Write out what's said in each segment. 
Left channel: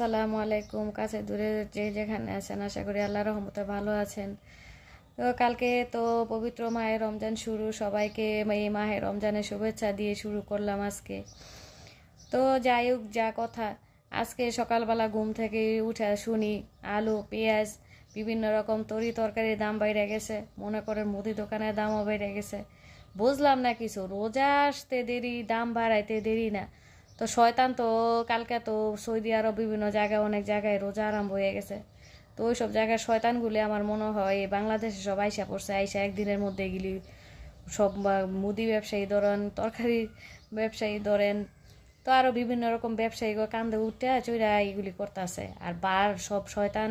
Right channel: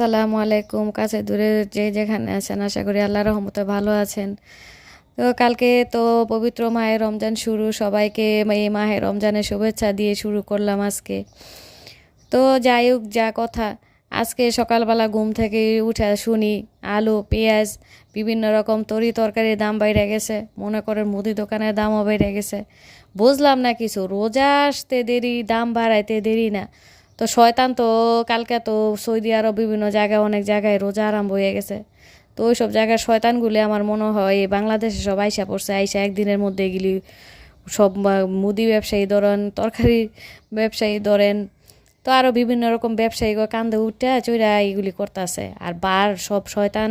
আসসালামু আলাইকুম, কাছে দূরে যে যেখানে আছেন, আশা করি আল্লাহ রহমতে ভালো আছেন। তো কালকে তো পবিত্র মায়ের রমজান শুরু, সবাইকে এই মাহের রমজানের শুভেচ্ছা দিয়ে শুরু করলাম আজকে। তো যাই হোক, যা কথা, আজকে সকালবেলা ঘুম থেকে উঠে শুনি, আলু, পেঁয়াজ, বিভিন্ন রকম তরি তরকারির দাম বাইরে গেছে, মনে করেন মুদি দোকানের দামও বেড়ে গেছে। বুঝলাম না কিছু, রোজা আসতে দেরি, দাম বাড়াইতে দেরি না। তো শয়তান তো কালকে তো সৌদি আরব বিভিন্ন জায়গায়, অনেক জায়গায় রোজা আরম্ভ হয়ে গেছে। তো ওই সব জায়গার শয়তানগুলি আমার মনে হয় বাংলাদেশে সব আইসা পড়ছে, আইসা একদিনের মধ্যে এগুলি সব মুদি ব্যবসায়ী ধরেন, তরকারি ব্যবসায়ী ধরেন, তো আরও বিভিন্ন রকম ব্যবসায়ী কান্দে উঠে চইরা এইগুলি করতেছে। আর বার সব শয়তান,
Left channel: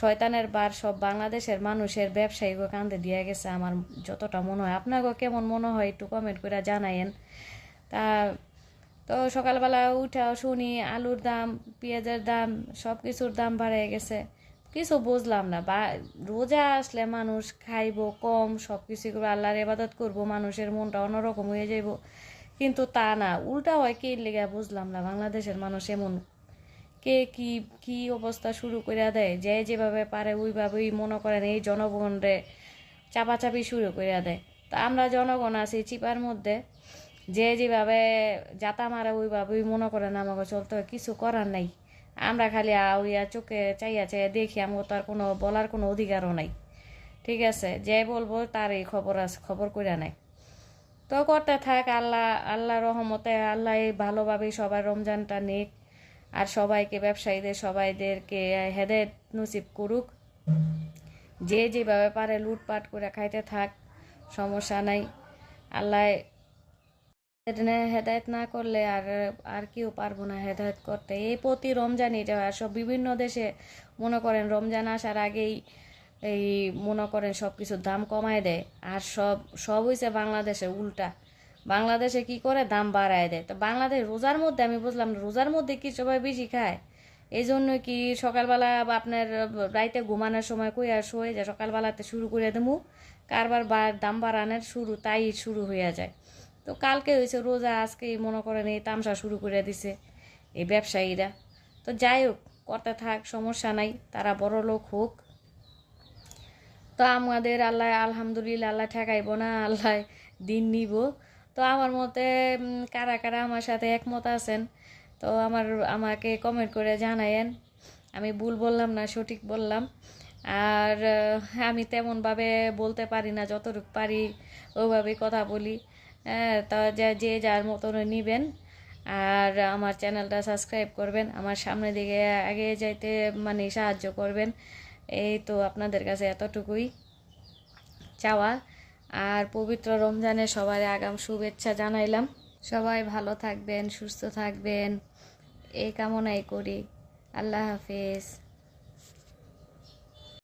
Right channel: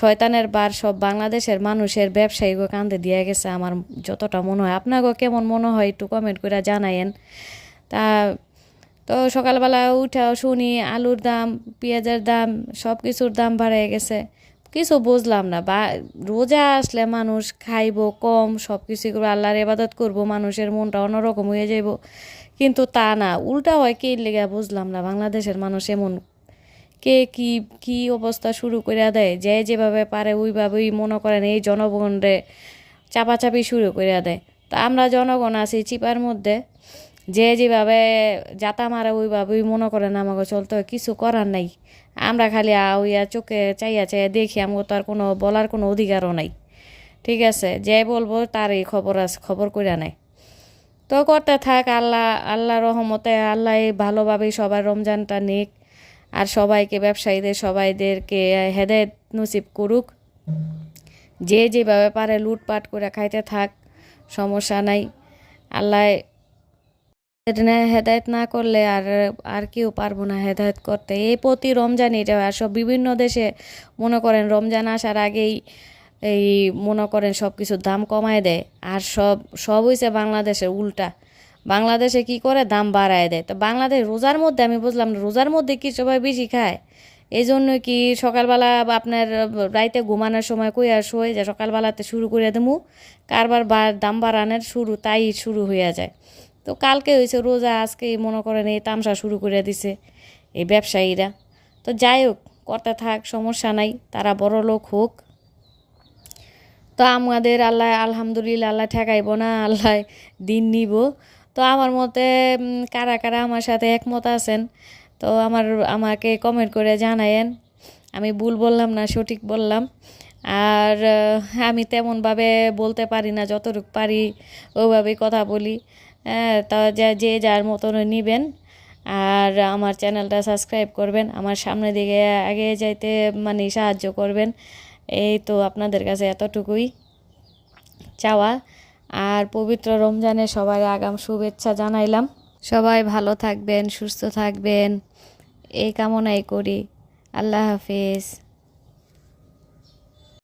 শয়তানের বার সব বাংলাদেশের মানুষের ব্যবসায়ী কান্দে দিয়ে গেছে আমার যতটা মনে হয়। আপনাকে কেমন মনে হয় একটু কমেন্ট করে জানায়েন। তা তো সকালবেলা উঠে শুনি আলুর দাম, পেঁয়াজের দাম সব কিছুর দাম বাড়ে গেছে। কিছু বুঝলাম না, বা রোজা আসলে মানুষ খাইব কম সব কিছু করে আল্লাহর ইবাদত করব, মানুষের মনটা অন্যরকম হয়ে যাইব। কিন্তু তা না, উল্টা হয় কে লেগে বুঝলাম না, বাংলাদেশের মানুষ এমন। কে কি কি অবস্থা শুরু করে দেয়? যে যেভাবে পারে ওইভাবেই মনে করেন এই জনগণরে চাপাচাপি শুরু করে দেয়। তা আমরা জনগণ আছি চিপার মধ্যে। যে যেভাবে যাতা মারে ওইভাবেই মনে করেন আমাকে চলতে হয়, কিছু করার নাই। আমরা খালি ওইয়া চোখে চাইয়া চাইয়া দেখি, আমাকে তো আর কোনো বলার কোনো অধিকারও নাই। ঠিক আছে, যে বলব তার এই খবর আছে, খবর করে নেয়। তো করতে থাক, আল্লাহ আল্লাহ রহমতে, আল্লাহ ভালোভাবেই সবার রমজানটা নিক। আর সবাইকে, ব্যবসায়ীদের, সবাইদেরকে হেদায়ত নসিব করুক। যে যেভাবে পারে লুটপাট করে খাইতে থাক, সমস্যা নাই। আল্লাহ হেদায়ত না করলে আর আর কেউ পারব না হেদায়ত করতে। এই প্রতি রমজান এটা আর সব বিভিন্ন দেশে মনে করেন রমজান আসার আগেই এই মনে করেন সব কিছুর দাম কমায় দেয়। আর সব সব হয়েছে বাংলাদেশে উল্টা। বাংলাদেশে কি করে? দাম বাড়ায় দেয়। তো বাংলাদেশ রোজার মধ্যে আমি বুঝলাম না, রোজার মধ্যে কি সবাই বেশি খায়? এই জন্য কি সকালবেলা আপনার রাইতে ঘুমানোর সময় কই আর শোয় যে সকালবেলাতে শুরু করে দেবো কারবার দাম বাড়ানোর শুরু তাই শুরু হয়ে যায়। তো কালকে হয়েছে, রোজা, আজকে মনে করেন এই তামসা শুরু করে দিছে এই ব্যবসায়ীরা। তো যাই হোক, করতে থাক, সমস্যা নাই, তারা বড় লোক হোক। তো আমাদের আল্লাহ, আলহামদুলিল্লাহ, আল্লাহ ঠেকাইব না, আল্লাহ দিন নিব। তো আমার মতে কারা কারা আমার সাথে একমত আছেন, তো আমার, আমাকে কমেন্ট করে জানায়েন। আমি ভুল বললাম না, সঠিক বললাম। আর আমি তেমনভাবে বলতে পারি না, যতটুকু পারি ওইভাবেই কথা বলি। তা যা যার মতন নিবেন। আর আমার চ্যানেলটা সাবস্ক্রাইব করবেন। আমার সামনের দিকে আগে যাইতে মানে সাহায্য করবেন। এই তো আপনাদের কাছে এতটুকুই চাওয়া। আর পবিত্র রমজানে সবার আগাম শুভেচ্ছা জানাইলাম। সবাই ভালো থাকবেন, সুস্থ থাকবেন। এই কামনাই করি। আল্লাহ হাফিজ।